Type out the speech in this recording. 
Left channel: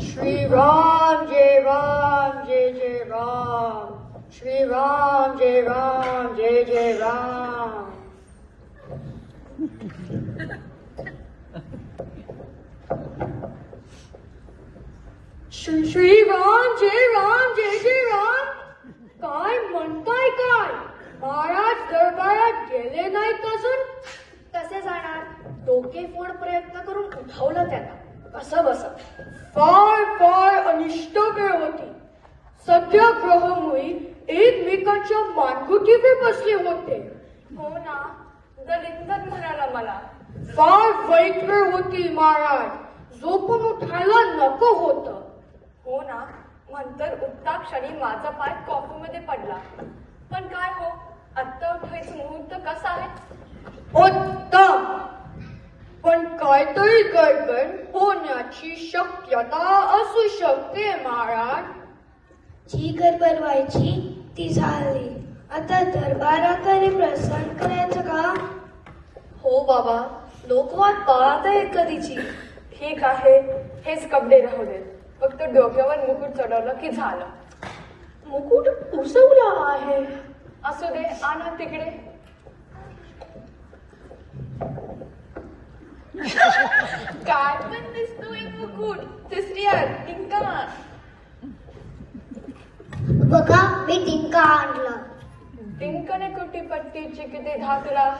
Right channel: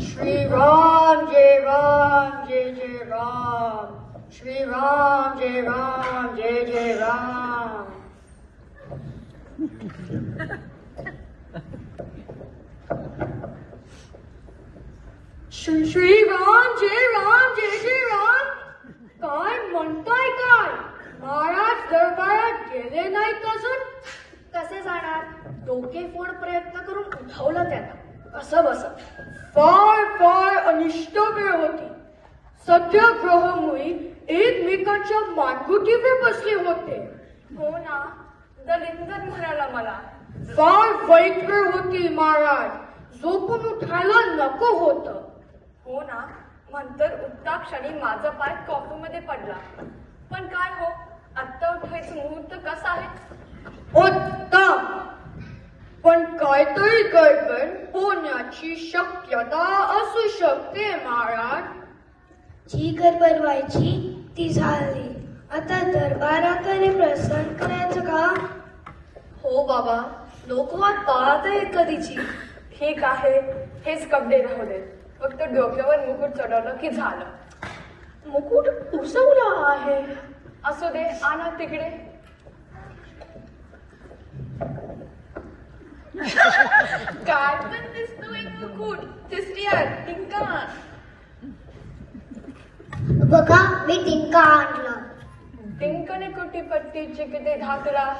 श्री राम जय राम जय जय राम, श्री राम जय राम. श्री राम जय राम. काय म्हणताय काय? महाराज दरबारात गेले नाहीत अजून? कसे जाणार? डोके फोड प्रयत्न करून उठवलं त्याला. कसं बस? फार फार अनिष्ट वेळ होती. सध्या ग्रहमुळी एकमेकांच्या मानगुटीवर बसले होते. हो ना, दलिंदर म्हणाला मला. फार वाईट वेळ होती महाराज. झोपून उठायला नको होतं. हो ना, नंतर उठता क्षणी माझा पाय कॉफीमध्ये पडला. पण काय हो, आत्ता उठायचं मुहूर्त कसा आहे? उत्तम. पण काहीतरी गडबड होण्याची शक्यता असू शकते महाराज. जी गडबड व्हायची ती झाली. आता दरबाराकडे प्रसन्न करायचं का? हो बाबा, लोकवाद पाहत आहेत कधीची. ठीक आहे, हेच कपडे राहू देत. फक्त डोक्यावर मुकुट चढवलं की झालं. मुकुट उसवला आहे. असू दे, आणा तिकडे. काय पण दिसतोय मुकुट. तिसरी आड टिंका. बघा, मी टिंका आणला. टिंकने कुटी पट्टीची किती धाकला.